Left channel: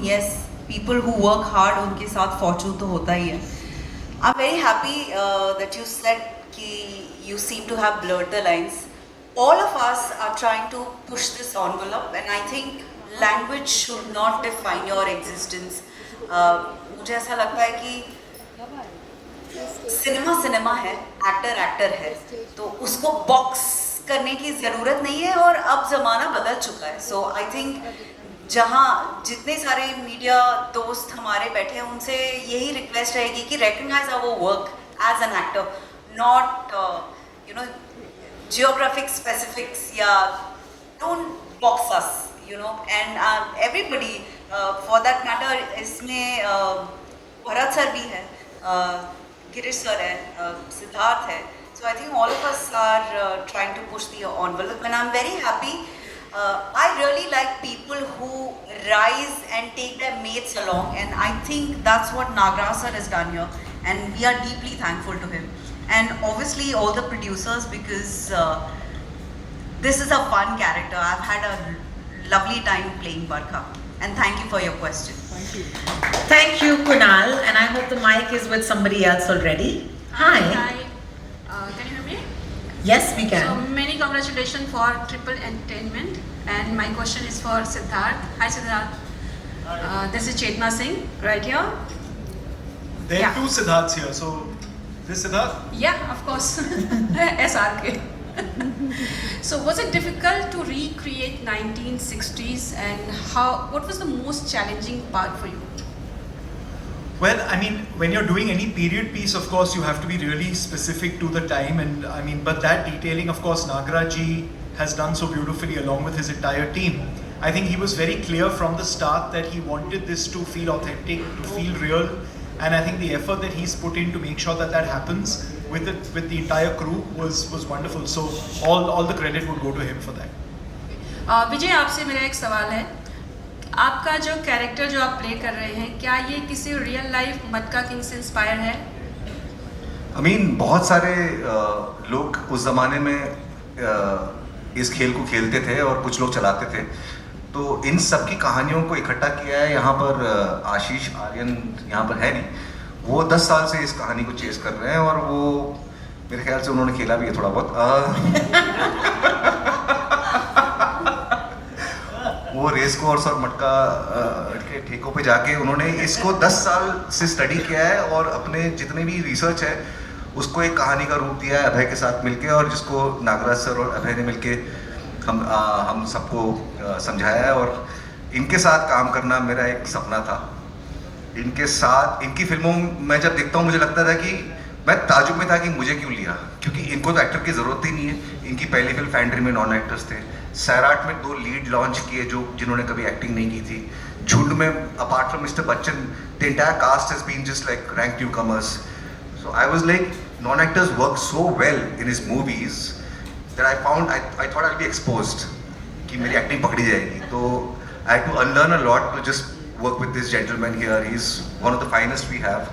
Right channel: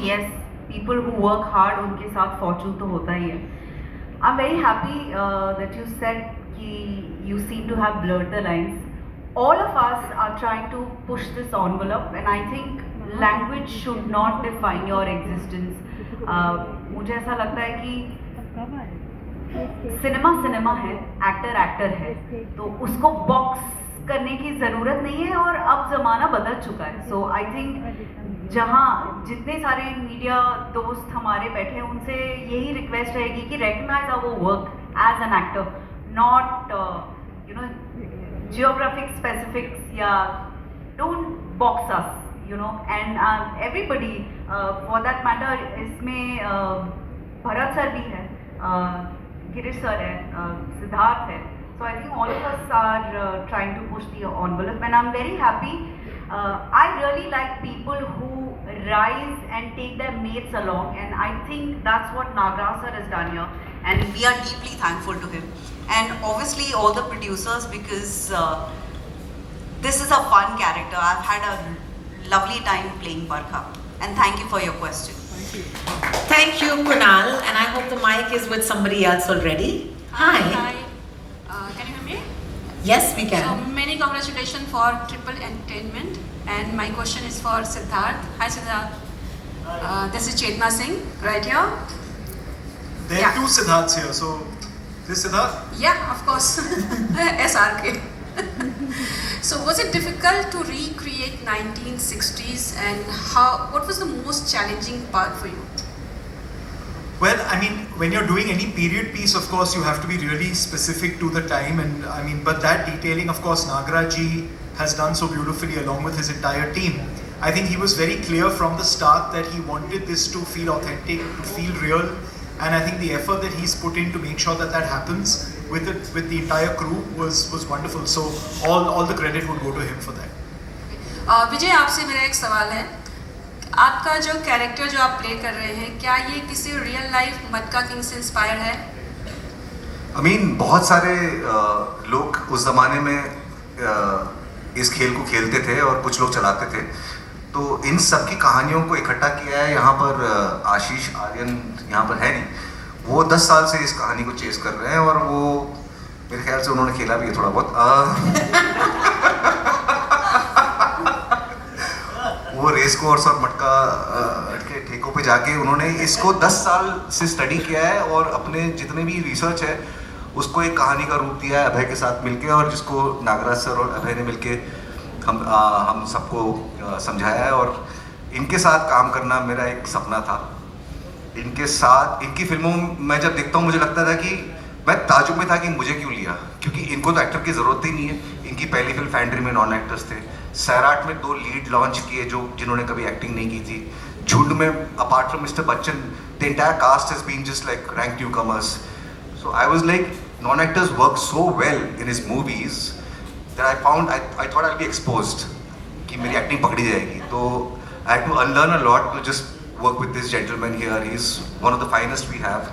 Yes, people who work hard उनके साथ fortune तो होता ही है. I'm very happy that you said कि you seem to have blurred the lines. All of us are trying to push this envelope, and I think language should not define your existence. मुझे ऐसा लगता है कि cinema cinema है, actor actor है, तो उसको बॉक्स करने की ज़रूरत नहीं है और अब ज़माना बदल चुका है. सो आई थिंक जहाँ जितने सारे मीडिया दोस्त हमारे बैठे हैं उनसे यही रिक्वेस्ट रहेगी कि recognise our work as an actor, not geographic specifics या don't box us and everybody for that matter. इसमें भरत सर भी है, गिरीश सर है, सिद्धार्थ है. So I think all of us are trying to push the envelope, and I'm very happy. I really like people who rise and take their mates along, and I think that's what Nagraj sir has done here, and we are deeply thankful to him. And obviously all the producers, because this is a fun character. I've had a lovely time playing Barkha, and thank you for your question. Thank you, Kunal, and I hope the mic is with somebody else already. Hi. Hi. Can you hear me? Yes, we can. So many congratulations for Triple Entertainment, and my question is for Siddharth. Hi, Siddharth. This is Chetna Singh right here. There are Yeah. two Siddharths here, so this Siddharth? Yeah, of course. SRK. So was it difficult to recreate 1960s, and what was the most challenging part for you? Well, I mean, when you're doing any period piece, of course, you have to be really specific to the time, and I mean, but that detailing, of course, Nagraj ji has done so beautifully along with his entire team. I think he was very clear from the start that he wanted this to feel authentic, to feel real, and I think the effort that he's put in to make sure that that happens with the entire crew was wonderful. So all the credit would go to him for that. विजय, आपसे मेरा एक सवाल है. आपका जो character जो आप play कर रहे हैं, क्या ये किसी रियल लाइफ मटका किंग से इंस्पायर है? I mean, बहुत सारे लोग उस ज़माने में इस खेल को खेलते थे और कुछ लोग चलाते थे. तो इन सब की कहानियों को इकट्ठा किया है. यहाँ पर आशीष आर्यन यहाँ पर है नहीं, वो 10 साल से इस कहानी को चेस कर रहे हैं और वो मेरे ख्याल से उन्होंने खेला भी है थोड़ा बहुत. वो रेस कोर्स और मटका के ठेकों पे जाके उन्होंने इसको 10 साल से स्टडी किया है और अपने जितने भी रिसर्च है उसको एक कहानी का रूप दिया है अभय के साथ मिलके, और जिसको नागराज सर और अभय ने मिलके हम सबको समझाया है. और इनके साथ काम करना मेरा एक सपना था. इनके साथ इनकी फिल्मों में जब देखता हूँ मुझे लगता था कि मैं ताजुब में था कि मुझे क्यों लिया, क्योंकि इनको तो एक्टर की ज़रूरत ही नहीं है. इनकी पहली फिल्म फैंड्री में नॉन एक्टर्स थे. सैराट में 2 लीड लॉन्च किए जिन्होंने कभी एक्टिंग नहीं की थी. झुंड में apart from mister Bachchan the entire cast has been just like rank newcomers. So I was like non actors work so well in his movies that I found I thought I will be exposed कि मेरी acting पकड़ी जाएगी. तो I had to unlearn a lot to just work with this gentleman here. He's one of the finest we have,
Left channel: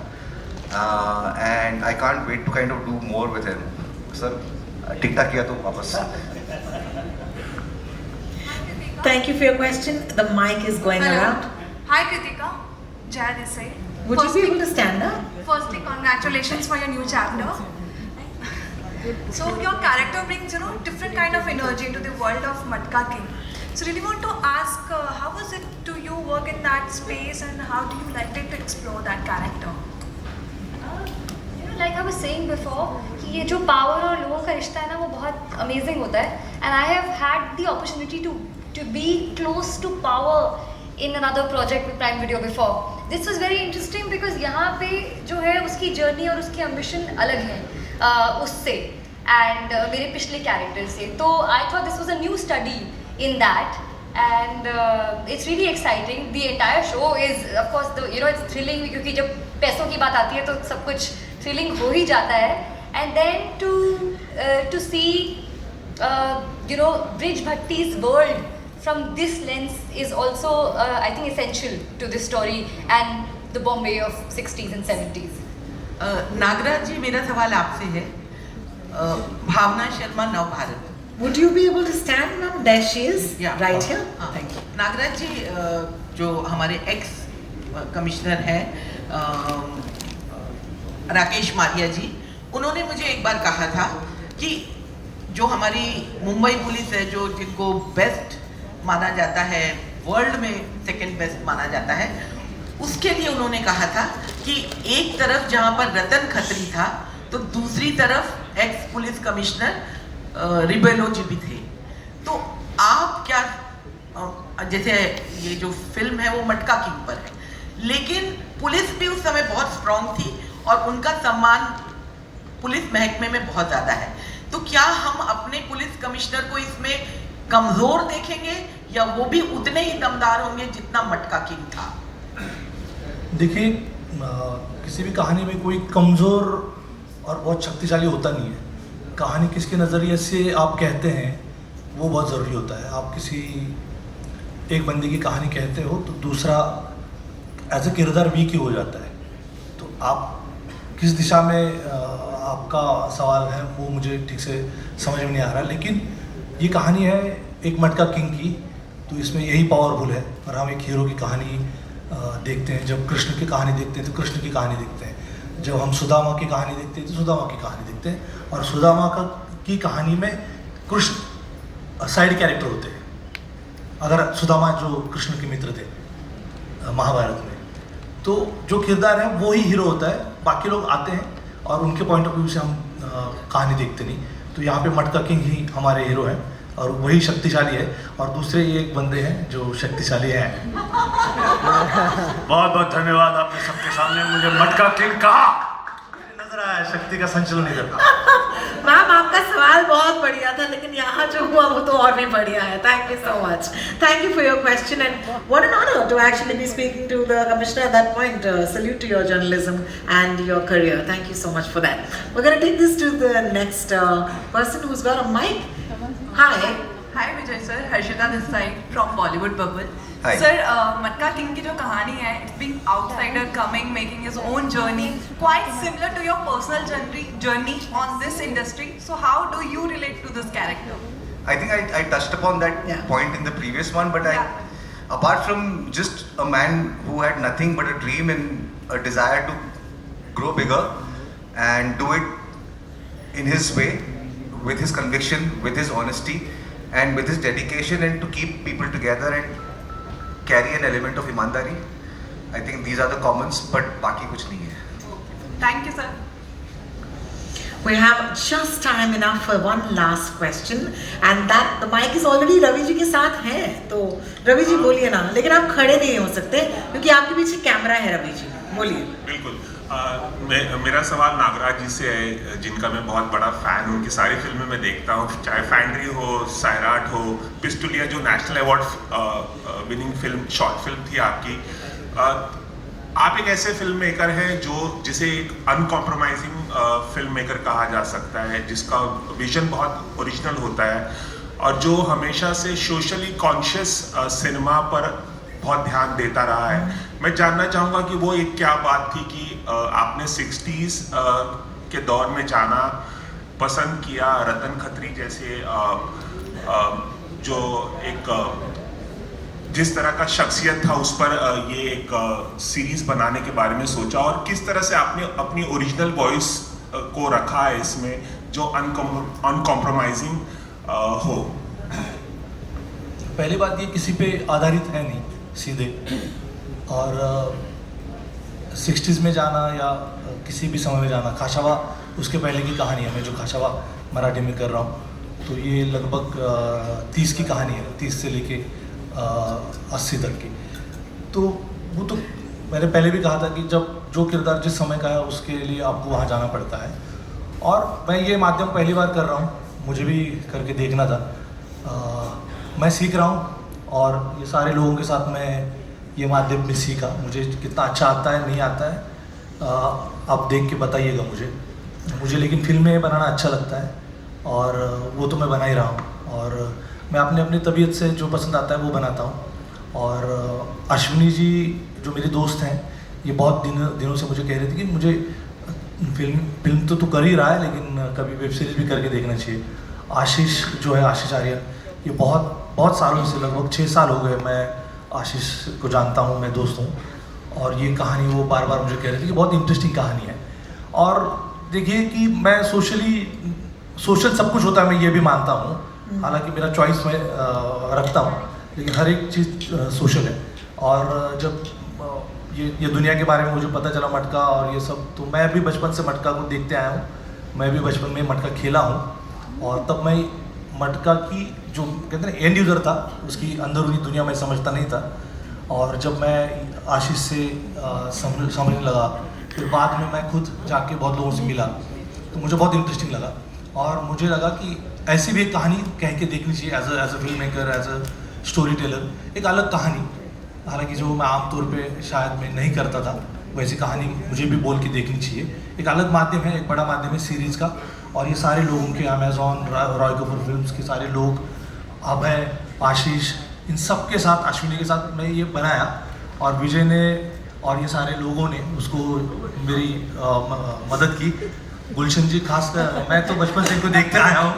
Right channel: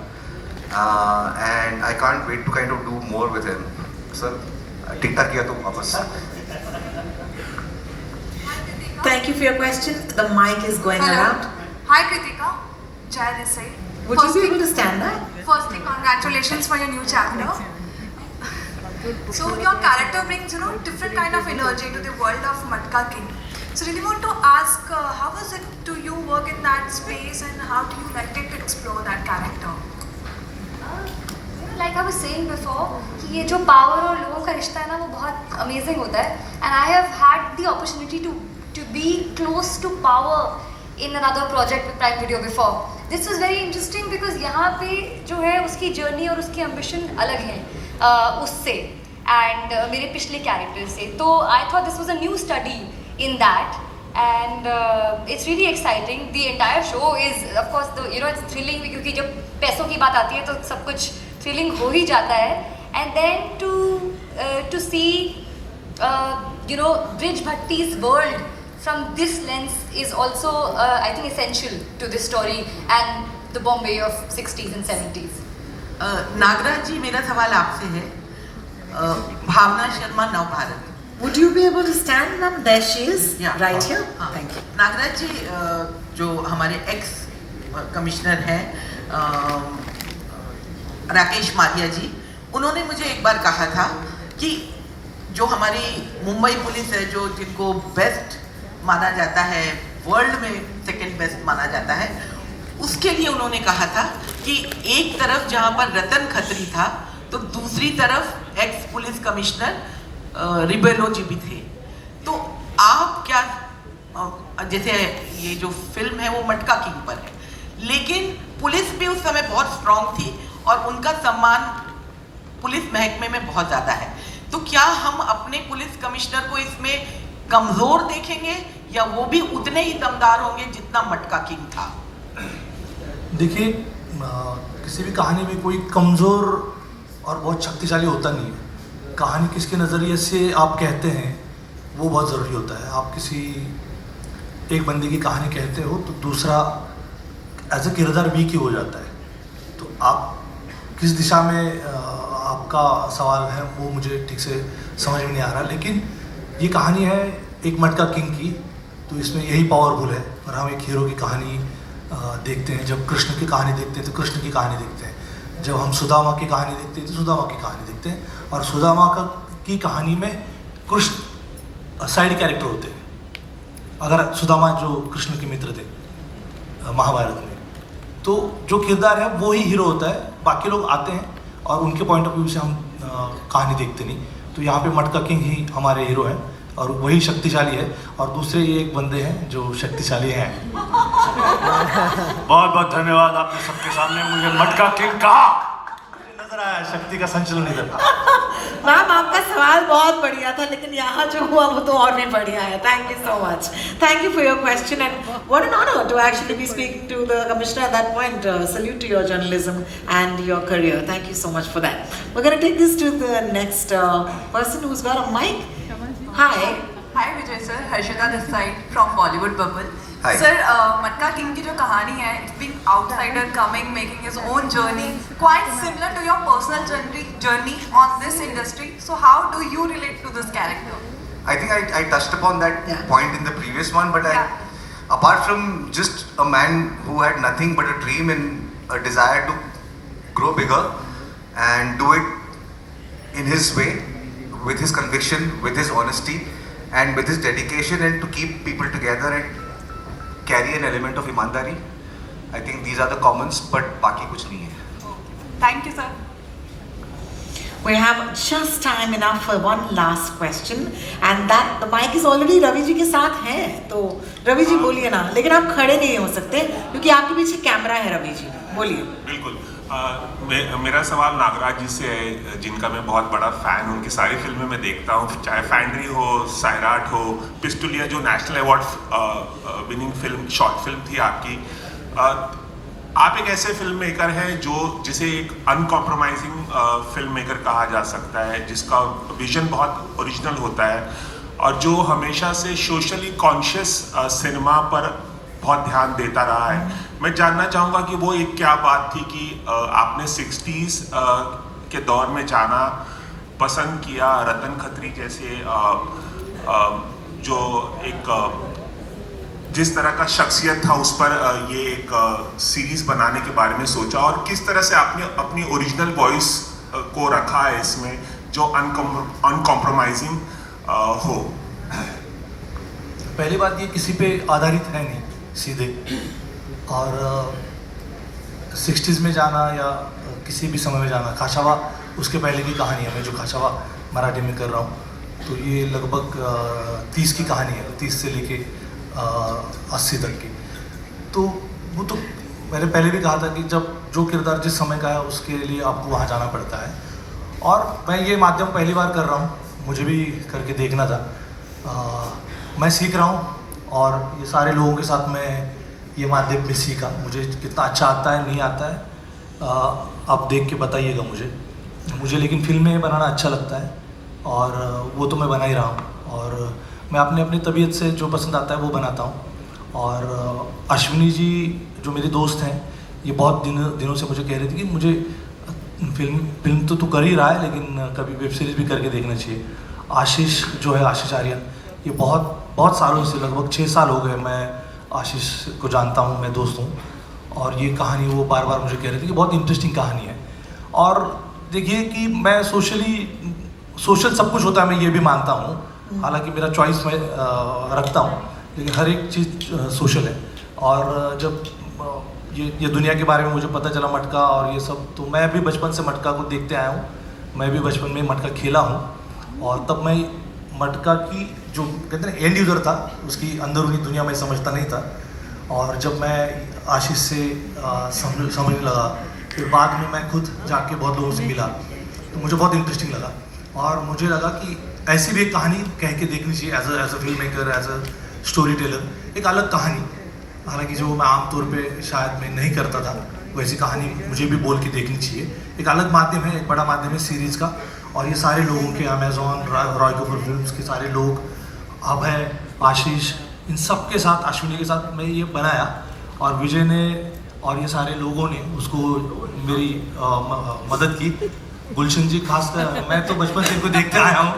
and I can't wait to kind of do more with him. Sir, tikta kiya to wapas. Thank you for your question. The mic is going Hello. around. Hi Kritika, Jaya this side. Would you be able to stand up? Firstly, congratulations for your new chapter. So your character brings, different kind of energy to the world of Matka King. So really want to ask, how was it to you work in that space, and how do you like it to explore that character? Like I was saying before, कि ये जो power और लोगों का रिश्ता है ना वो बहुत amazing होता है. And I have had the opportunity to be close to power in another project with Prime Video before. This was very interesting because यहाँ पे जो है उसकी journey और उसकी ambition अलग है उससे and मेरे पिछले character से. तो I thought this was a new study in that, and it's really exciting. The entire show is, of course, it's thrilling क्योंकि जब पैसों की बात आती है तो सब कुछ thrilling हो ही जाता है. And then to see Brij Bhatti's world from this lens is also I think essential to this story and the Bombay of 60s and 70s. Nagraj जी, मेरा सवाल आपसे है. भावना शर्मा नव Bharat. Would you be able to stand, ma'am? There she is, Yeah. right here. हाँ. Thank you. Nagraj जी, जो हमारे x commissioner हैं राकेश मारिया जी, उन्होंने मुझे एक बार कहा था कि जो हमारी मुंबई पुलिस है, जो जिनको बेस्ट माना जाता है, वर्ल्ड में सेकंड बेस्ट माना जाता है, उसके लिए उन्होंने कहा था कि एक तरफ जहां पर रतन खत्री था तो दूसरी तरफ एक्स पुलिस कमिश्नर रिबेलो जी भी थे। तो आप क्या, जैसे ये जो फिल्म है वो मटका किंग पर है, लेकिन पुलिस भी उस समय बहुत स्ट्रांग थी और उनका सम्मान पुलिस महकमे में बहुत ज्यादा है, तो क्या हम अपने पुलिस कमिश्नर को इसमें कमजोर देखेंगे या वो भी उतने ही दमदार होंगे जितना मटका किंग था? देखिए, किसी भी कहानी में कोई कमज़ोर और बहुत शक्तिशाली होता नहीं है। कहानी किसके नज़रिए से आप कहते हैं वो बहुत ज़रूरी होता है। आप किसी एक बंदे की कहानी कहते हो तो दूसरा एज ए किरदार वीक ही हो जाता है। तो आप किस दिशा में आपका सवाल है वो मुझे ठीक से समझ में नहीं आ रहा, लेकिन ये कहानी है एक मटका किंग की, तो इसमें यही पावरफुल है। और हम एक हीरो की कहानी देखते हैं, जब कृष्ण की कहानी देखते हैं तो कृष्ण की कहानी देखते हैं, जब हम सुदामा की कहानी देखते हैं तो सुदामा की कहानी देखते हैं, और सुदामा की कहानी में कृष्ण साइड कैरेक्टर होते हैं। अगर सुदामा जो कृष्ण के मित्र थे महाभारत में, तो जो किरदार है वो ही हीरो होता है, बाकी लोग आते हैं और उनके पॉइंट ऑफ व्यू से हम कहानी देखते नहीं। तो यहाँ पे मटका किंग ही हमारे हीरो हैं और वही शक्तिशाली है, और दूसरे ये एक बंदे हैं जो शक्तिशाली हैं। बहुत बहुत धन्यवाद, आपने सबके सामने मुझे मटका किंग कहा। मुझे लग रहा है शक्ति का संचलन इधर था। मैम, आपका सवाल बहुत बढ़िया था, लेकिन यहाँ जो हुआ वो तो और भी बढ़िया है। Thank you so much. Thank you for your question and what an honour to actually be speak to the commissioner at that point. Salute to your journalism and your career. Thank you so much for that. We're going to take this to the next person who's got a mic. Hi. Hi Vijay sir, Harshita this side from Bollywood Bubble. Hi. Sir, मटका king की जो कहानी है, it's being outsider coming, making his own journey, quite similar to your personal journey on this industry. So how do you relate to this character? I think I touched upon that Yeah. point in the previous one, but Yeah. apart from just a man who had nothing but a dream and a desire to grow bigger and do it in his way, with his conviction, with his honesty, and with his dedication, and to keep people together and carry an element of ईमानदारी. I think these are the commons, but बाकी कुछ नहीं है. Thank you sir. We have just time enough for one last question, and that the mic is already Ravi ji के साथ है, तो रवि जी बोलिए ना, लेकिन आप खड़े नहीं हो सकते क्योंकि आपके पीछे कैमरा है। रवि जी बोलिए। बिल्कुल। मेरा सवाल नागराज जी से है, जिनका मैं बहुत बड़ा फ़ैन हूँ, उनकी सारी फिल्में मैं देखता हूँ, चाहे फैंड्री हो, सैराट हो, पिस्टुलिया जो national award winning film, short film थी आपकी। आप एक ऐसे फिल्म मेकर हैं जिसे एक अनकॉम्प्रोमाइजिंग फिल्म मेकर कहा जा सकता है, जिसका विजन बहुत ओरिजिनल होता है और जो हमेशा से सोशली कॉन्शियस सिनेमा पर बहुत ध्यान देता रहा है। मैं जानना चाहूँगा कि वो एक क्या बात थी कि आपने 60s के दौर में जाना पसंद किया, रतन खत्री जैसे जो एक जिस तरह का शख्सियत था उस पर ये एक सीरीज बनाने के बारे में सोचा, और किस तरह से आपने अपनी ओरिजिनल वॉइस को रखा है इसमें जो अनकॉम्प्रोमाइजिंग हो। पहली बात ये किसी पे आधारित है नहीं सीधे, और 60s में जाना या किसी भी समय में जाना, खाशावा उसके पहले की कहानी है। मैं जो खाशावा मराठी में कर रहा हूँ तो ये लगभग 30 की कहानी है, 30 से लेके 80 तक की। तो वो तो मैंने पहले भी कहा था कि जब जो किरदार जिस समय का है उसके लिए आपको वहाँ जाना पड़ता है, और मैं ये माध्यम पहली बार कर रहा हूँ, मुझे भी करके देखना था। मैं सीख रहा हूँ और ये सारे लोगों के साथ मैं ये माध्यम भी सीखा। मुझे कितना अच्छा आता है नहीं आता है आप देख के बताइएगा मुझे लेकिन फिल्में बनाना अच्छा लगता है और वो तो मैं बना ही रहा हूँ, और मैं अपनी तबीयत से जो पसंद आता है वो बनाता हूँ। और अश्विनी जी जो मेरे दोस्त हैं, ये बहुत दिनों से मुझे कह रहे थे कि मुझे फिल्म तो तू कर ही रहा है लेकिन कभी वेब सीरीज़ भी करके देखना चाहिए। आशीष जो है, आशीष आर्या, ये बहुत सालों से, लगभग 6 साल हो गए मैं आशीष को जानता हूँ, मैं दोस्त हूँ, और ये कहानी वो बार बार मुझे कह रहे थे कि बहुत इंटरेस्टिंग कहानी है। और देखिए कि मैं सोशल सब कुछ होता है, मैं ये भी मानता हूँ, हालांकि मेरा चॉइस मैं रखता हूँ, लेकिन हर एक चीज़ सोशल है। और जब ये दुनिया के बारे में मुझे पता चला मटका और ये सब, तो मैं भी बचपन से मटका को देखते आया हूँ, मैं भी बचपन में मटका खेला हूँ, और तब मैं मटका की जो कहते हैं एंड यूज़र था, उसकी अंदरूनी दुनिया में समझता नहीं था। और जब मैं आशीष से समझने लगा, फिर बाद में मैं खुद जाके बहुत लोगों से मिला, तो मुझे बहुत इंटरेस्टिंग लगा, और मुझे लगा कि ऐसी भी एक कहानी कह के देखनी चाहिए as a film maker, as a story teller, एक अलग कहानी, हालांकि जो मैं आमतौर पे शायद मैं नहीं करता था, वैसी कहानी मुझे भी बोल के देखनी चाहिए। एक अलग माध्यम है, एक बड़ा माध्यम है सीरीज़ का, और ये सारे लोगों के, अमेजॉन, रॉय कपूर फिल्म्स के सारे लोग, अभय, आशीष, इन सब के साथ, अश्विनी के साथ मैं ये बनाया, और विजय ने और ये सारे लोगों ने उसको मेरी मदद की। गुलशन जी खासकर, मैं तो बचपन से इनको देखते आया हूँ,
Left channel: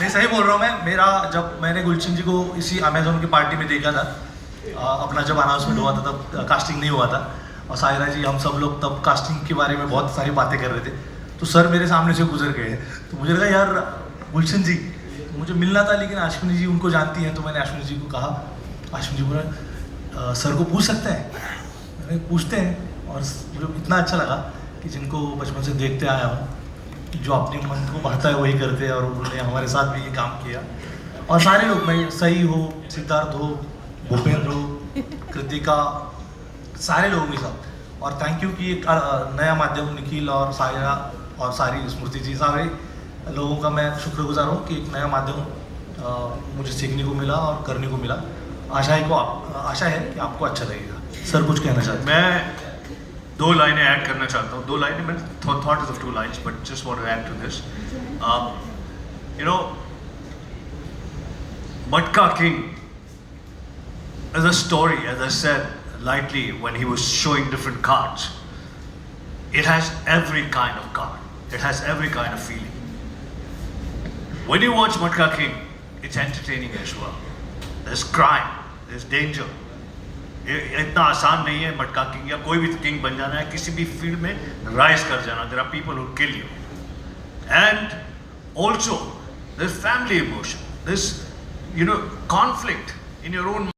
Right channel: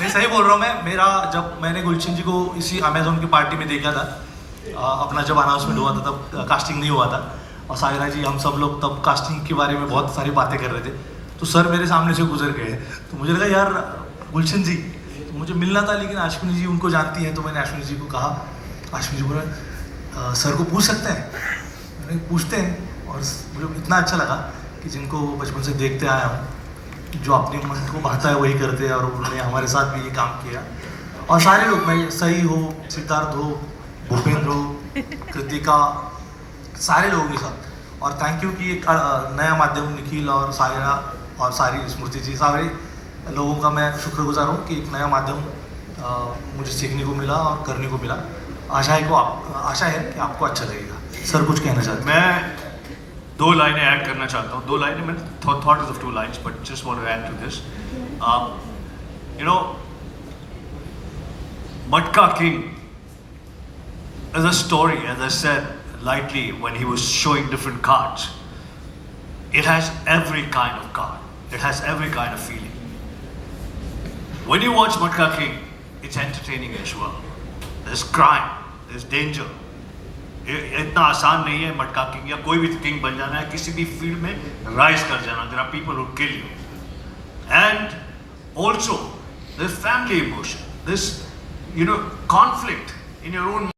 मैं सही बोल रहा हूँ। मेरा जब मैंने गुलशन जी को इसी अमेजॉन की पार्टी में देखा था, अपना जब अनाउंसमेंट हुआ था तब कास्टिंग नहीं हुआ था, और सायरा जी, हम सब लोग तब कास्टिंग के बारे में बहुत सारी बातें कर रहे थे, तो सर मेरे सामने से गुजर गए, तो मुझे लगा यार गुलशन जी, तो मुझे मिलना था, लेकिन अश्विनी जी उनको जानती है, तो मैंने अश्विनी जी को कहा, अश्विनी जी बोले सर को पूछ सकते हैं, मैंने पूछते हैं, और मुझे इतना अच्छा लगा कि जिनको बचपन से देखते आया हूँ, जो अपने मन को भाता है वही करते हैं, और उन्होंने हमारे साथ भी ये काम किया, और सारे लोग, मैं सही हो, सिद्धार्थ हो, भूपेंद्र हो, कृतिका, सारे लोगों के साथ, और थैंक यू कि एक नया माध्यम, निखिल और सायरा और सारी स्मृति जी, सारे लोगों का मैं शुक्रगुजार हूँ कि एक नया माध्यम मुझे सीखने को मिला और करने को मिला। आशा है कि आपको अच्छा लगेगा। सर कुछ कहना चाहते हैं? मैं 2 लाइनें ऐड करना चाहता हूँ। 2 लाइनें, मैंने thought of 2 lines, but just want to add to this. You know, Matka King as a story, as I said lightly when he was showing different cards, it has every kind of card. It has every kind of feeling. When you watch Matka King, it's entertaining as well. There's crime, there's danger. इतना आसान नहीं है मटका king या कोई भी king बन जाना है, किसी भी फील्ड में राइज कर जाना. There are people who kill you. And also, there's family emotion. There's, conflict in your own